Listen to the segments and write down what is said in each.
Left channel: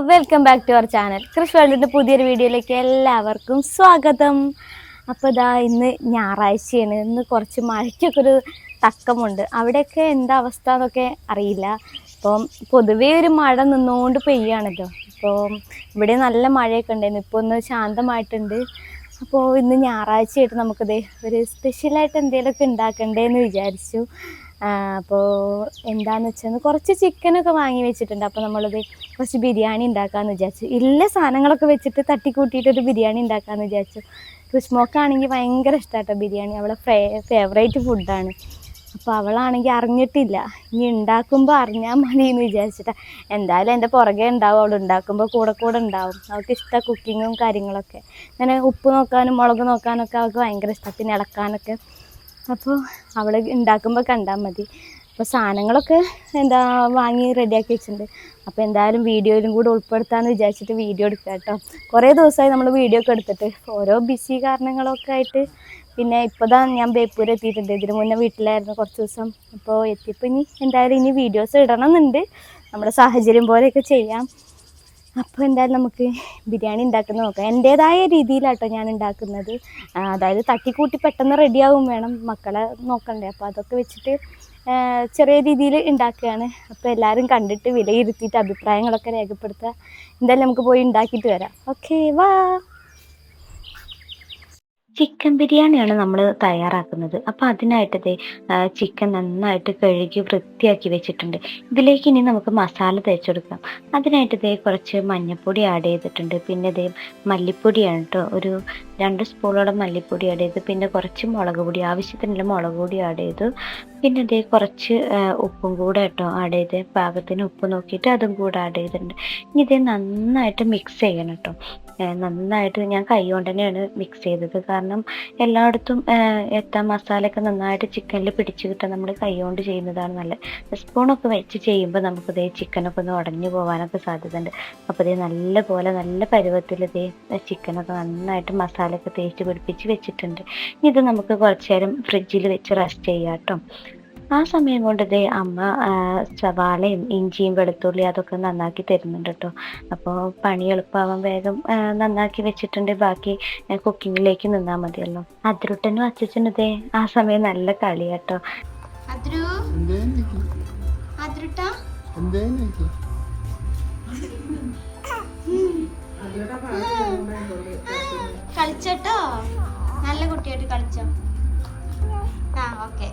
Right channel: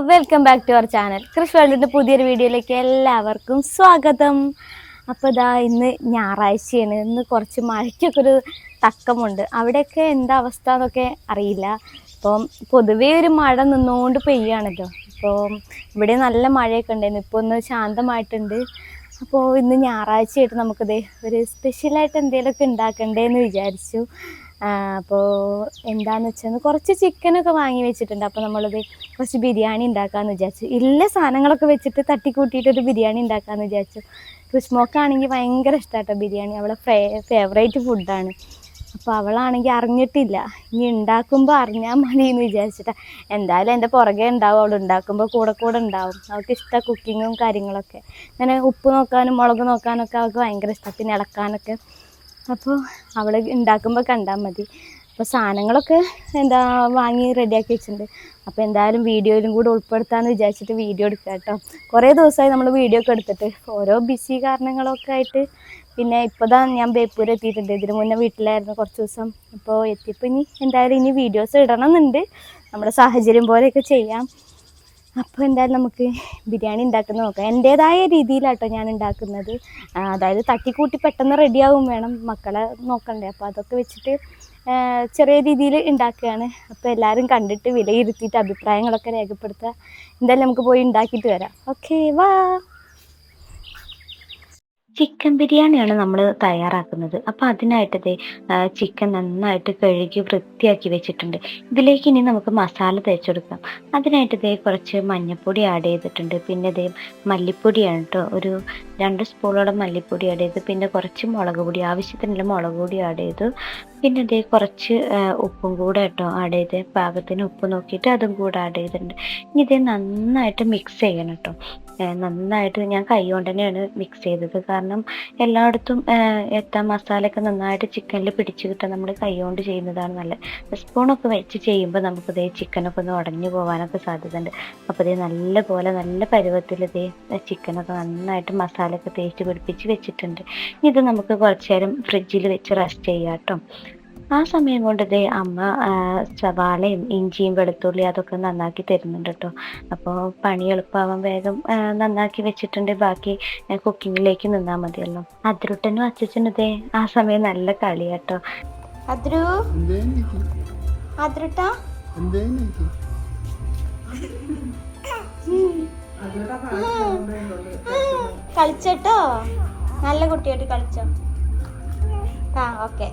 Welcome back to our channel. Krish വേൾഡിൻ്റെ പുതിയൊരു വീഡിയോയിലേക്ക് എല്ലാവർക്കും സ്വാഗതം. അപ്പോൾ ഇതാ ഇന്ന് ഞായറാഴ്ചയാണ്. ഇന്ന് കുറച്ച് മഴയ്ക്കൊക്കെ ഒരു തക്കമുണ്ട്. അവിടെയൊക്കെ എന്താ അവസ്ഥ എന്നൊക്കെ അറിയില്ല. ഇപ്പം പൊതുവേ ഒരു മഴ നിന്നുകൊണ്ട് പെയ്യാണല്ലോ. അപ്പോൾ ഇവിടെ നല്ല മഴയൊക്കെ ഉണ്ടായിരുന്നു. ഇപ്പോൾ ഒന്ന് ശാന്തമായിട്ടുണ്ട്. അപ്പോൾ ഇന്ന് ഞായറാഴ്ചയായിട്ട് നമുക്കിത് ഒരു സ്പെഷ്യലായിട്ട് എന്തെങ്കിലുമൊക്കെ ഉണ്ടാക്കണ്ടേന്ന് വിചാരിച്ചു. അപ്പോൾ എന്താണെന്ന് വെച്ചാൽ കുറച്ച് ചിക്കനൊക്കെ വാങ്ങി വെച്ചിട്ടുണ്ട്. അപ്പോൾ നമ്മളത് കുറച്ച് ബിരിയാണി ഉണ്ടാക്കാമെന്ന് വിചാരിച്ചു. ഇല്ല സാധനങ്ങളൊക്കെ വെച്ചിട്ട് തട്ടിക്കൂട്ടിയിട്ടൊരു ബിരിയാണി ഉണ്ടാക്കാമെന്ന് വിചാരിച്ചു. കൃഷ്മോക്കാണെങ്കിൽ ഭയങ്കര ഇഷ്ടമാട്ടോ ബിരിയാണി. അവളെ ഫേവറേറ്റ് ഫുഡാണ്. അപ്പോൾ അവളാണെങ്കിൽ അറിഞ്ഞിട്ടില്ല. ഇനി ഉണ്ടാക്കുമ്പോൾ അറിഞ്ഞാൽ മതി എന്ന് വിചാരിച്ചിട്ടാണ്. എന്തായാലും എൻ്റെ പുറകെ ഉണ്ടാവും. അവൾ ഉണ്ടാക്കുമ്പോൾ കൂടെ ഉണ്ടാവും. അവൾക്ക് ഇഷ്ടമാണ് കുക്കിങ്ങും കാര്യങ്ങളൊക്കെ. അങ്ങനെ ഉപ്പ് നോക്കാനും മുളക് നോക്കാനൊക്കെ അവൾക്ക് ഭയങ്കര ഇഷ്ടമാണ്. പിന്നെ ഇളക്കാനൊക്കെ. അപ്പോൾ അവൾ ഉണ്ടാക്കുമ്പോൾ കണ്ടാൽ മതി. അപ്പോൾ സാധനങ്ങളൊക്കെ വാങ്ങി റെഡിയാക്കി വെച്ചിട്ടുണ്ട്. അപ്പോൾ എന്തായാലും വീഡിയോയിലും കൂടെ ഉൾപ്പെടുത്താമെന്ന് വിചാരിച്ചിട്ട് വീഡിയോ എടുക്കുക കേട്ടോ. കുറേ ദിവസമായി നമ്മൾ വീഡിയോ ഒക്കെ എടുത്തിട്ട് ഓരോ ബിസി കാരണങ്ങളൊക്കെ ആയിട്ട്. പിന്നെ ഇപ്പോൾ ഞാൻ ബേപ്പൂർ എത്തിയിട്ടുണ്ട്. ഇതിന് മുന്നേ വീട്ടിലായിരുന്നു കുറച്ച് ദിവസം. അപ്പോൾ എത്തിയപ്പോൾ ഇനി വീഡിയോസ് ഇടണമെന്നുണ്ട്. നമ്മുടെ സാഹചര്യം പോലെയൊക്കെ ചെയ്യാം. അപ്പോൾ എന്തായാലും നമുക്ക് ബിരിയാണി ഉണ്ടാക്കുന്നത് നോക്കാം. എൻ്റേതായ രീതിയിലാട്ടോ ഞാൻ ഉണ്ടാക്കുന്നത്. അതായത് തട്ടിക്കൂട്ടി പെട്ടെന്ന് റെഡിയാവും വേണം, മക്കളെ നോക്കണ്ടേ. അപ്പോൾ അതൊക്കെ വെച്ചിട്ട് ചെറിയ രീതിയിൽ ഉണ്ടാക്കുകയാണ്. അപ്പോൾ എല്ലാവരും കണ്ടിട്ട് വിലയിരുത്തിയിട്ട് അഭിപ്രായങ്ങളൊക്കെ രേഖപ്പെടുത്തുക. എന്തായാലും നമുക്ക് പോയി ഉണ്ടാക്കിയിട്ട് വരാം. ഓക്കെ വാ. ചിക്കൻ ബിരിയാണിയാണ് നമ്മൾ തയ്യാറാക്കുന്നത്. അപ്പോൾ അതിനായിട്ട് ചിക്കൻ നന്നായിട്ട് കഴുകി വൃത്തിയാക്കി വെച്ചിട്ടുണ്ട്. ഇതിലേക്ക് ഇനി നമുക്ക് മസാല തേച്ചെടുക്കാം. അതിനായിട്ട് കുറച്ച് മഞ്ഞൾപ്പൊടി ആഡ് ചെയ്തിട്ടുണ്ട്. പിന്നെ മല്ലിപ്പൊടിയാണ് കേട്ടോ. ഒരു 2 സ്പൂണോളം മല്ലിപ്പൊടി ആഡ് ചെയ്തു. പിന്നെ കുറച്ച് മുളക് പൊടി, ആവശ്യത്തിനുള്ള മുളക് പൊടി ആഡ് ചെയ്തു. പിന്നെ കുറച്ച് ഉപ്പും കൂടെ കേട്ടോ ആഡ് ചെയ്ത്, പാകത്തിന് ഉപ്പ് നോക്കിയിട്ട് അതും കൂടെ ആഡ് ചെയ്തിട്ടുണ്ട്. ഇനി നന്നായിട്ട് മിക്സ് ചെയ്യണം കേട്ടോ. നന്നായിട്ട് ഞാൻ കൈ കൊണ്ട് തന്നെയാണ് മിക്സ് ചെയ്തത്. കാരണം എല്ലായിടത്തും മസാലയൊക്കെ നന്നായിട്ട് ചിക്കനിൽ പിടിച്ച് കിട്ടാൻ നമ്മൾ കൈ കൊണ്ട് ചെയ്യുന്നതാണ് നല്ലത്. സ്പൂണൊക്കെ വെച്ച് ചെയ്യുമ്പോൾ നമുക്ക് ചിക്കനൊക്കെ ഒന്ന് ഉടഞ്ഞു പോകാനൊക്കെ സാധ്യതയുണ്ട്. അപ്പോൾ നല്ല പരുവത്തിൽ ചിക്കനൊക്കെ നന്നായിട്ട് മസാലയൊക്കെ തേച്ച് പിടിപ്പിച്ച് വെച്ചിട്ടുണ്ട്. ഇത് നമുക്ക് കുറച്ച് നേരം ഫ്രിഡ്ജിൽ വെച്ച് റെസ്റ്റ് ചെയ്യാം കേട്ടോ. ആ സമയം കൊണ്ട് അമ്മ സവാളയും ഇഞ്ചിയും വെളുത്തുള്ളി അതൊക്കെ നന്നാക്കി തരുന്നുണ്ട് കേട്ടോ. അപ്പോൾ പണി എളുപ്പമാവാൻ വേഗം നന്നാക്കി വെച്ചിട്ടുണ്ട്. ബാക്കി കുക്കിങ്ങിലേക്ക് നിന്നാൽ മതിയല്ലോ. അതിരുട്ടനും അച്ഛനും ആ സമയം നല്ല കളി കേട്ടോ. കളിച്ചോ, നല്ല കുട്ടിയായിട്ട് കളിച്ചോ. ഓക്കെ.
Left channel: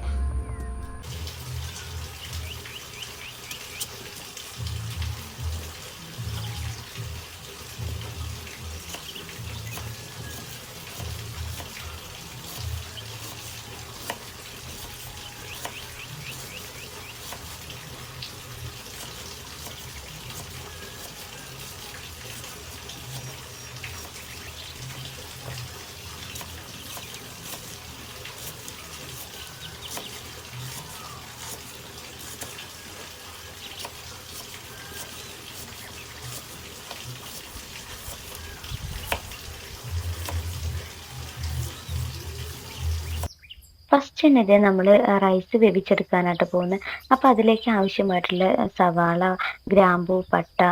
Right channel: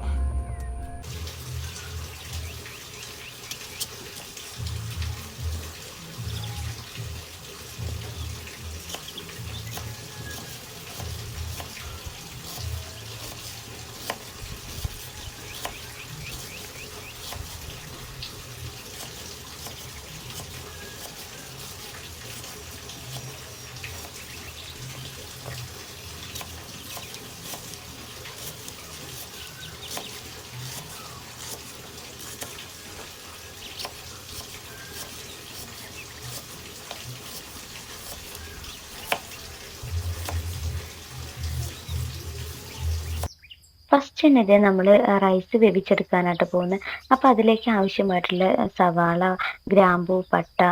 ഫസ്റ്റ് തന്നെ നമ്മൾ റൈസ് വേവിച്ചെടുക്കാനായിട്ട് പോകുന്നത്. അപ്പോൾ അതിലേക്ക് ആവശ്യമായിട്ടുള്ള സവാള, ഗ്രാമ്പൂ, പട്ട,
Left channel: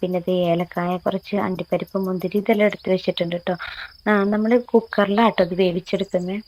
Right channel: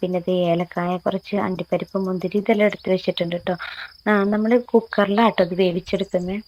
പിന്നെ ഏലക്കായ, കുറച്ച് അണ്ടിപ്പരിപ്പ്, മുന്തിരി ഇതെല്ലാം എടുത്ത് വെച്ചിട്ടുണ്ട് കേട്ടോ. നമ്മൾ കുക്കറിലാട്ടോ ഇത് വേവിച്ചെടുക്കുന്നത്.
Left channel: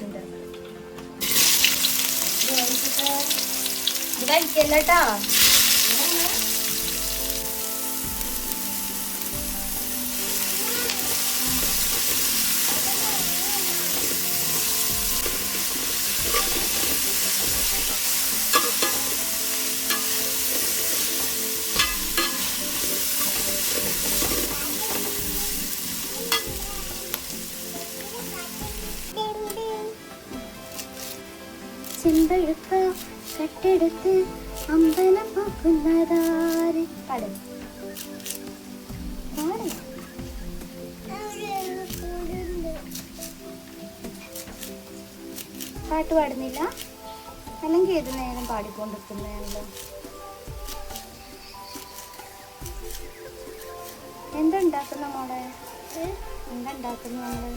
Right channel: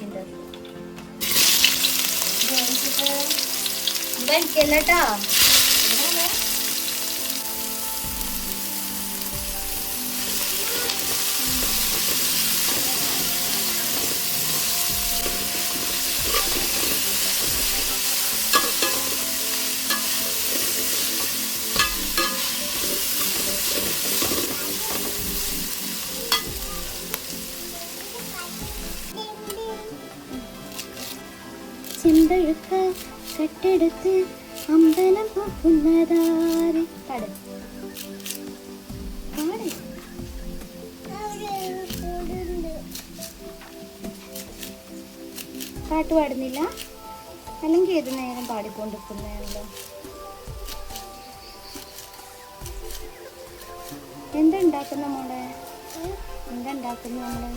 ആവശ്യമുണ്ട്. ഇത് വലിക്കല്ലേട്ടാ. ചിന്തയൊക്കെ കെട്ടെടുത്ത് അമ്പലം നോക്കുന്നതാര് പാട് പാട്ട് പാടുന്നില്ല, അല്ലെങ്കിൽ ഏത് നേരം പാടിക്കൊണ്ടിരിക്കുന്നതാണല്ലോ. എന്താ ഉണ്ടാക്കുന്ന മോളെ? എന്താ ഉണ്ടാക്കുന്ന മോളെ?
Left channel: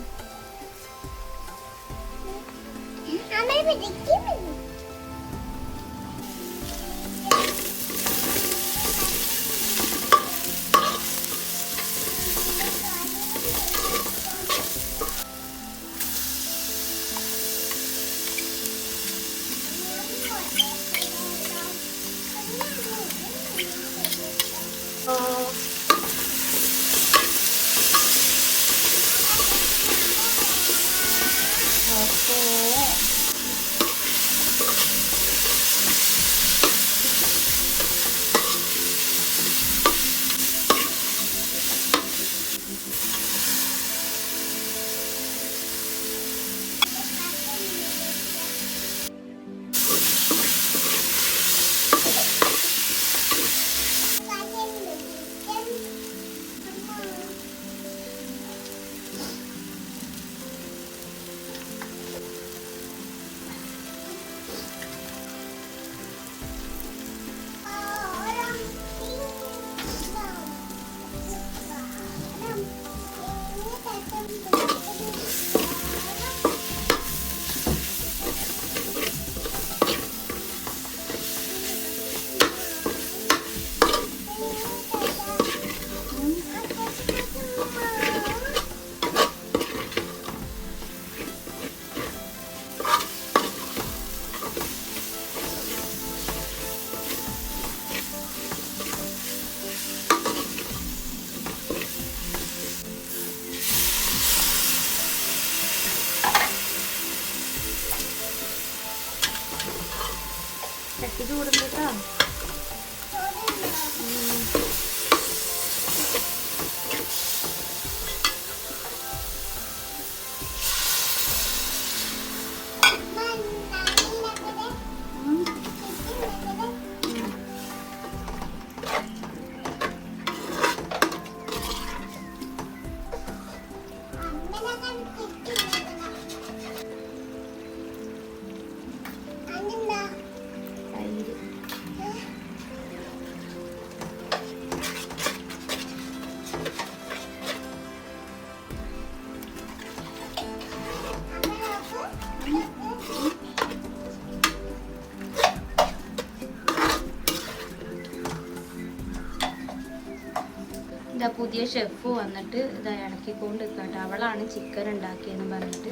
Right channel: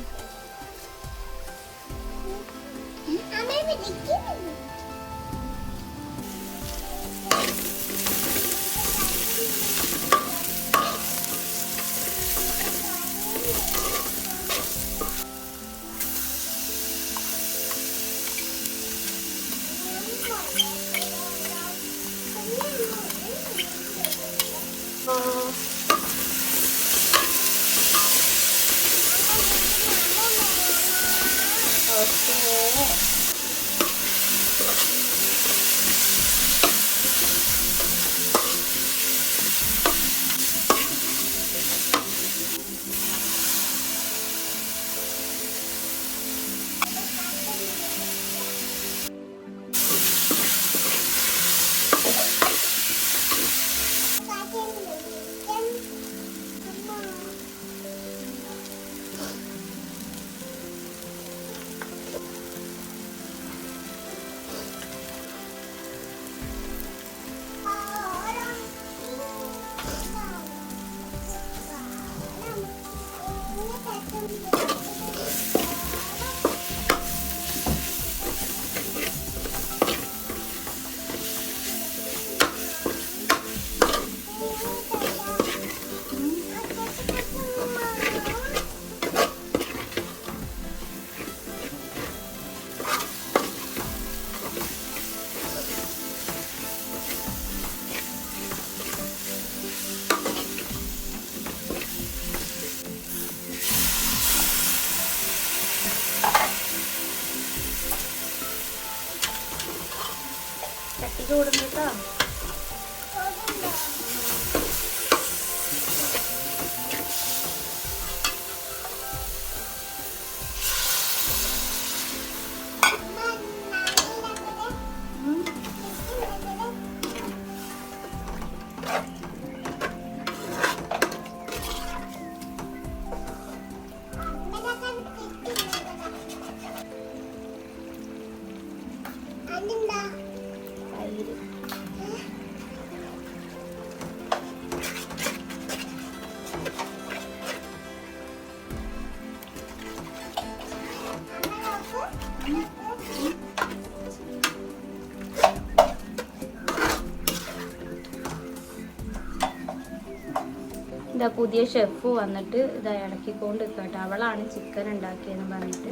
ഇതാ പുതിയ ഷെഫ് വന്നിട്ട് ഇതാ ഇളക്കിക്കൊണ്ട് നിൽക്കട്ടെ. അവളാണ് ചിക്കൻ ഉണ്ടാക്കിയെന്ന് പറഞ്ഞിട്ട്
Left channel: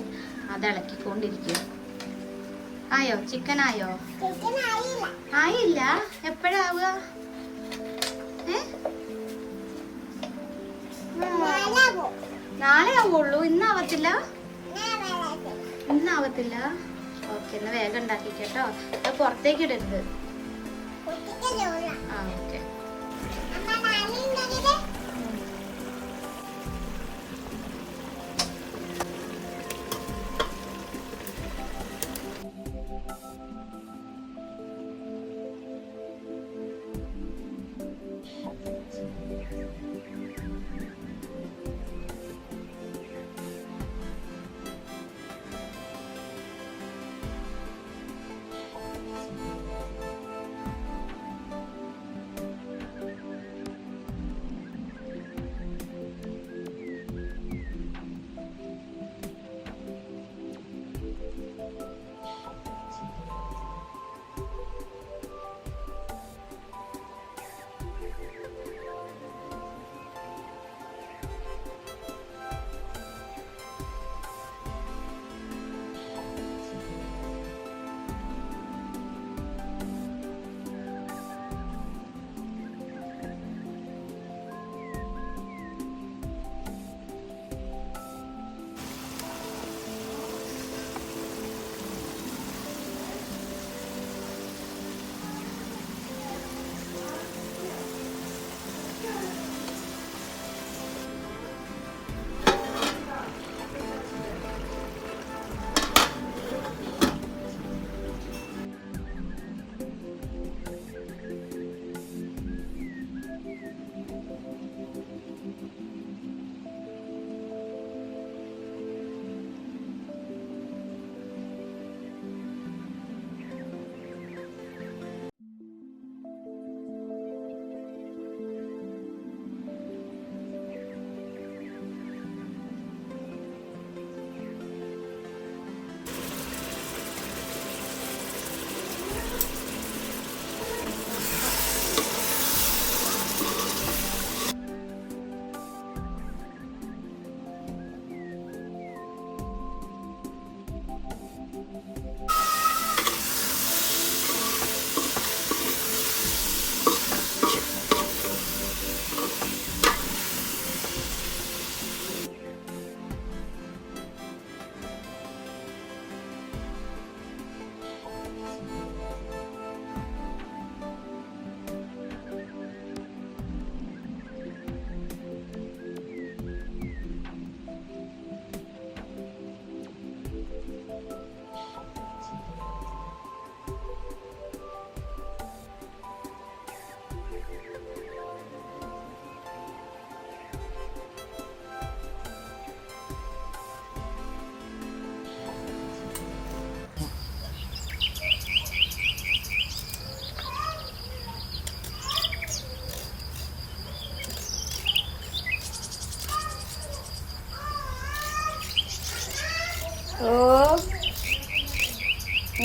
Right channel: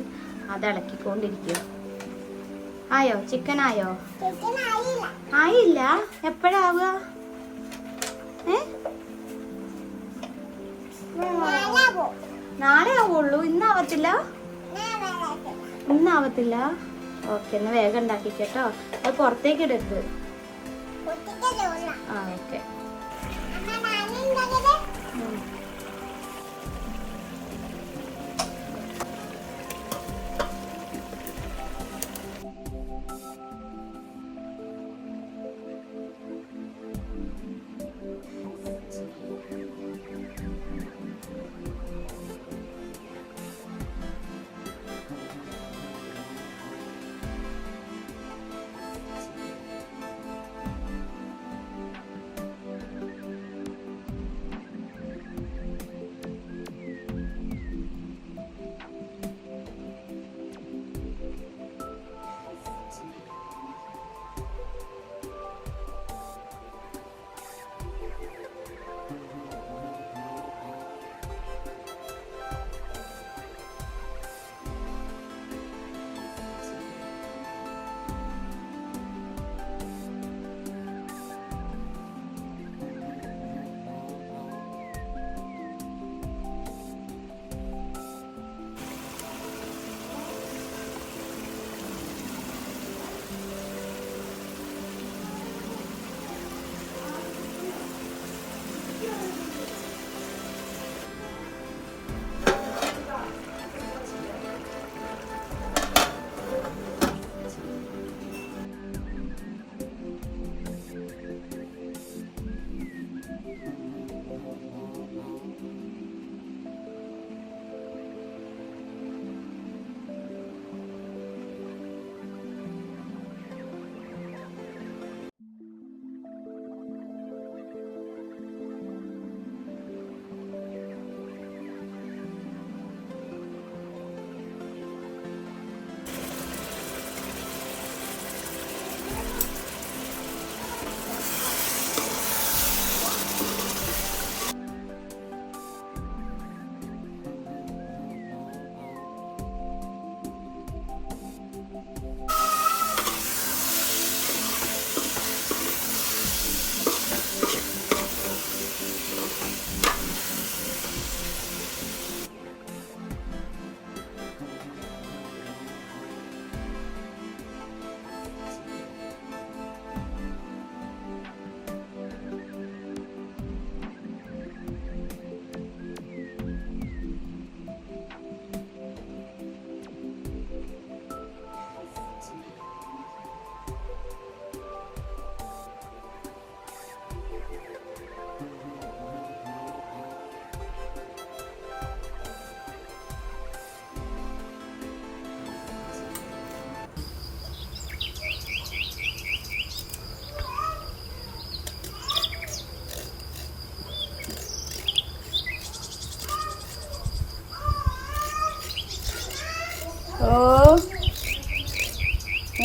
അത് ഇളക്കിക്കൊണ്ടിരിക്കുക. ആയോ? ചിക്കൻ ആയോ? ആയില്ല. എപ്പോഴാവുക? നാളെ ആവുള്ളൂ. ഇന്നാവത്തില്ല. ഇന്നാവത്തില്ല. ഓക്കെ, എന്നാ വേഗം ഉണ്ടാക്കിക്കട്ടോ. അത് പുറത്തേക്ക് ഇടരുത്. ആ ഓക്കെ.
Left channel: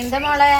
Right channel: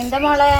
എന്താ മോളെ?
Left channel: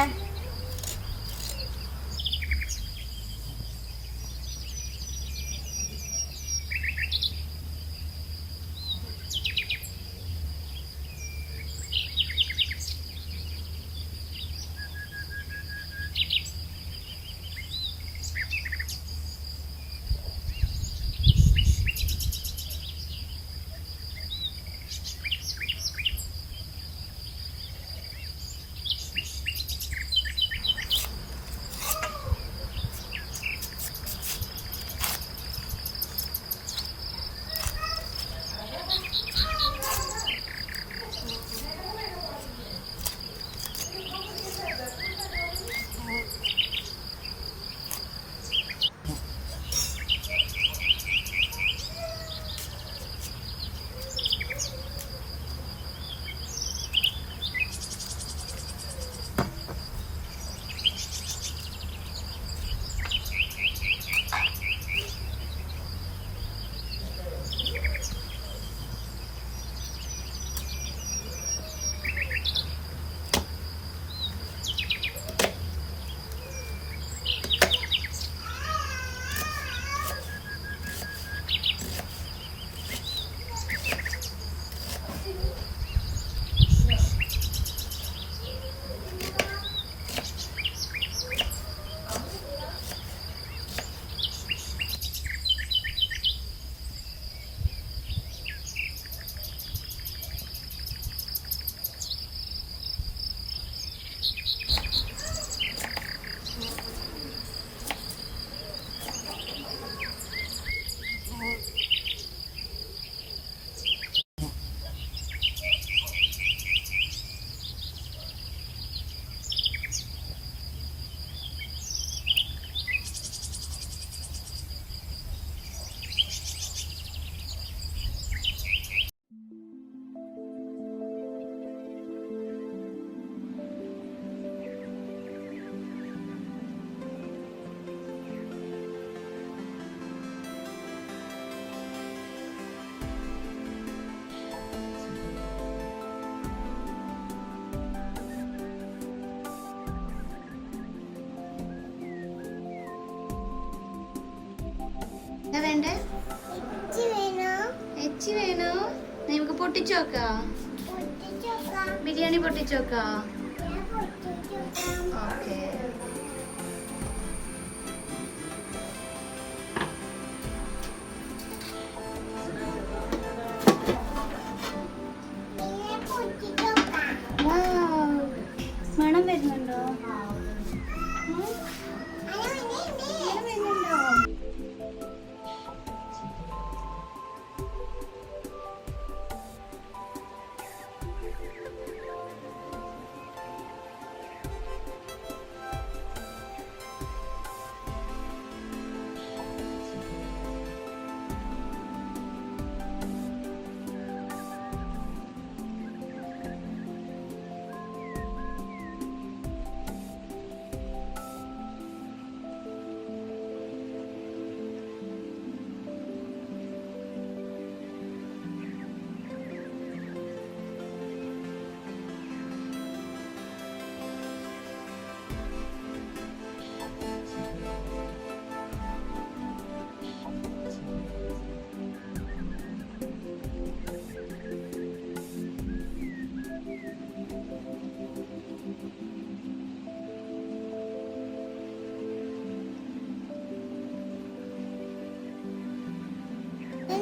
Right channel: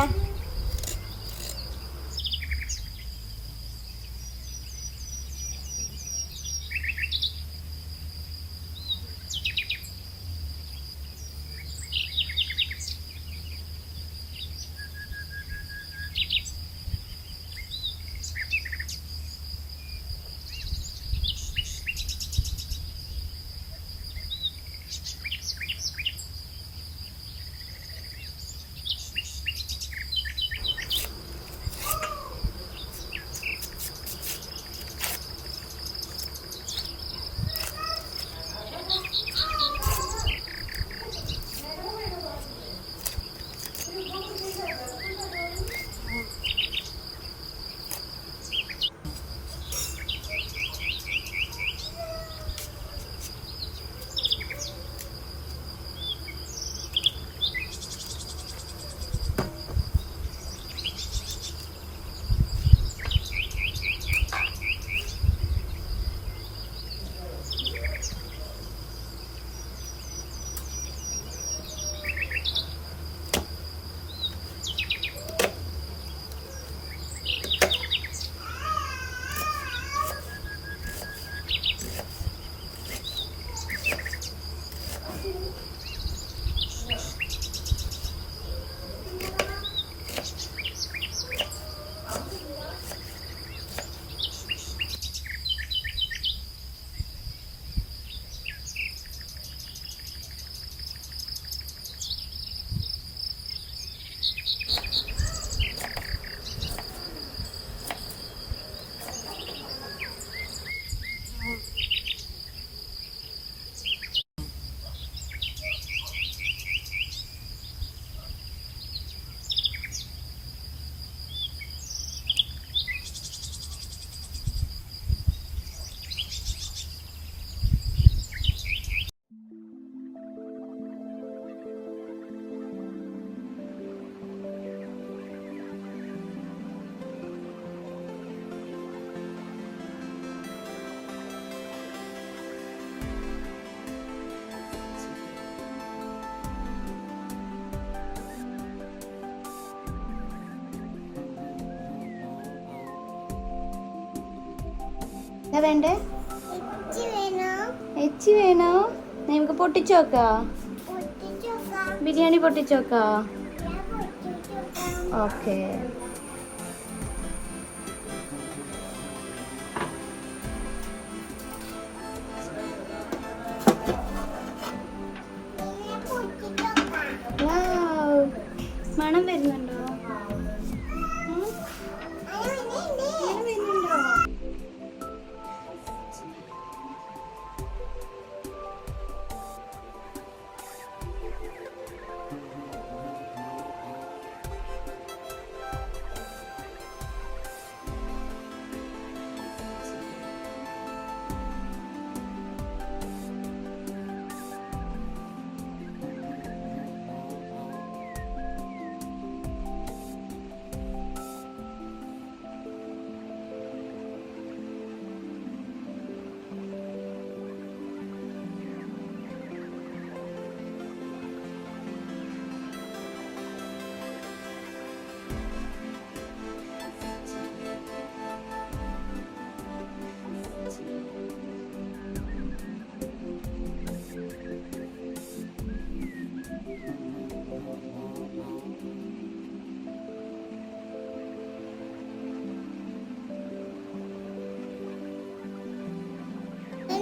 എന്താ വേണ്ടേ? എച്ചി വേണോ? നമുക്ക് പൊട്ടിച്ചോക്കാ. ബിരിയാണി പൊട്ടിച്ചോക്കാ. ഓക്കെ. മണം വരുന്നുണ്ടോ?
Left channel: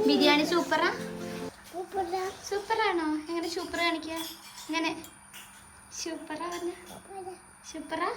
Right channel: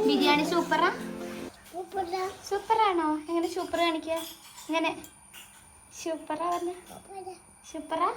ബിരിയാണി സൂപ്പറാ? സൂപ്പറാണോ? എങ്ങനെ സൂപ്പർ കാണിക്കുക? ഇങ്ങനെ സൂപ്പറാ പറഞ്ഞ? സൂപ്പറാ?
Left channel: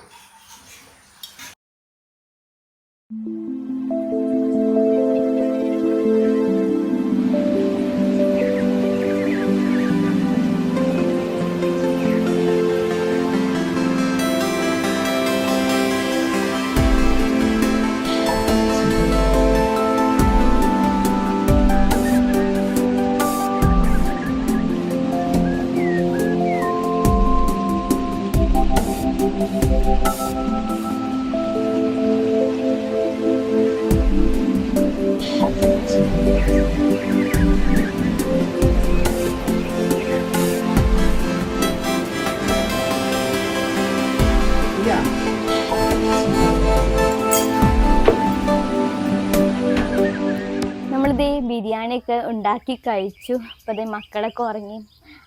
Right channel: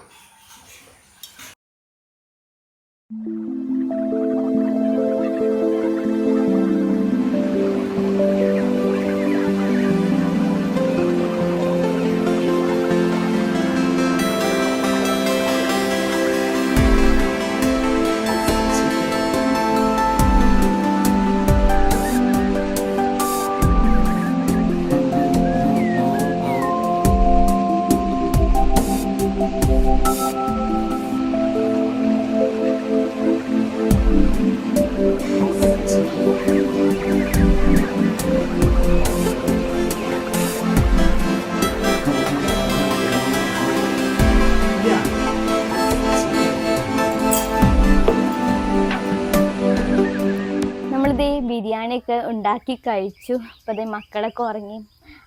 ദേ ബിരിയാണിയൊക്കെ ഉണ്ടാക്കി കഴിച്ചു. അപ്പോൾ ദേ മക്കളൊക്കെ ഉറങ്ങി.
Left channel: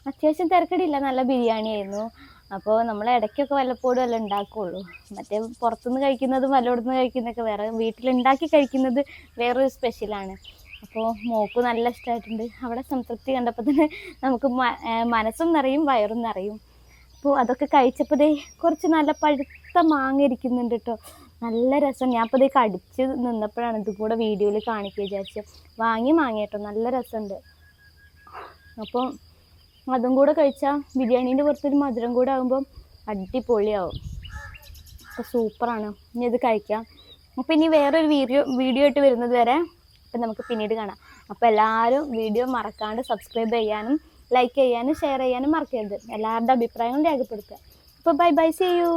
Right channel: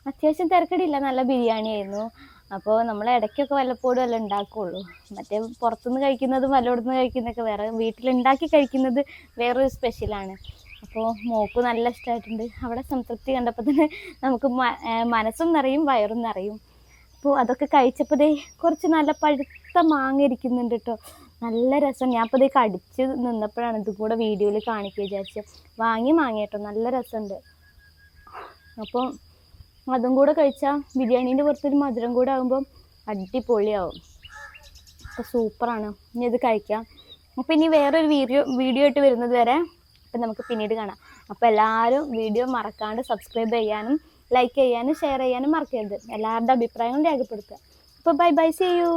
അത്യാവശ്യം തിരക്കടില്ല, നല്ല ബിരിയാണി ആയിരുന്നു. അപ്പോൾ നമ്മൾ ഇടയ്ക്കൊക്കെ വല്ലപ്പോഴും എല്ലാം ഉണ്ടാക്കുകയുള്ളൂ. മറ്റേ പുറത്തുനിന്ന് കഴിക്കുന്നതും വല്ലയിടത്തുനിന്ന് കഴിക്കുന്നതൊക്കെ വേറെ, വീട്ടിലുണ്ടാക്കി കഴിക്കുന്നത് വേറൊരു സ്പെഷ്യലാണ്. അപ്പോൾ മോക്ക് നല്ല ഇഷ്ടമായിട്ടുണ്ട്. അവിടെ സംതൃപ്തി കണ്ടപ്പോൾ തന്നെ നമുക്ക് മനസ്സും നിറയും വയറും നിറയും. അപ്പോൾ അതൊക്കെ കഴിച്ചപ്പോൾ ദേ കുറച്ച് നല്ല പഴുത്ത മാങ്ങ ഇരിക്കുന്നുണ്ട് കേട്ടോ, നല്ല രസം. ഞാൻ അപ്പോൾ ദേ കടിച്ച് നിന്നപ്പോഴാണ് ഇതും കൂടെ വീഡിയോയിൽ കാണിക്കുക വിചാരിച്ചു. വാങ്ങി കേട്ടോ, നല്ല രസമുണ്ട്. അപ്പോൾ അതും കൂടെ കഴിച്ചാൽ ബിരിയാണീൻ്റെ പുറത്തൊരു മധുരം കൂടെ ആകുമ്പോൾ അടിപൊളിയാവും. അപ്പോൾ സൂപ്പറാണ്. ഇനി ഇത് കഴിക്കാം. അപ്പോൾ ഇനി വേറൊരു വീഡിയോ ആയിട്ട് വരുന്നത് വരെ അപ്പം നമുക്ക് പിന്നീട് കാണാം. അപ്പോൾ എല്ലാവരും വീഡിയോ മറക്കാണ്ട് സബ്സ്ക്രൈബ് ചെയ്യാനും ലൈക്ക് ചെയ്യാനും ഷെയർ ചെയ്യാനും മറക്കരുത്. എല്ലാവരുടെ അഭിപ്രായങ്ങളും രേഖപ്പെടുത്തുക. അപ്പോൾ ബൈ ബൈ, സീ യു.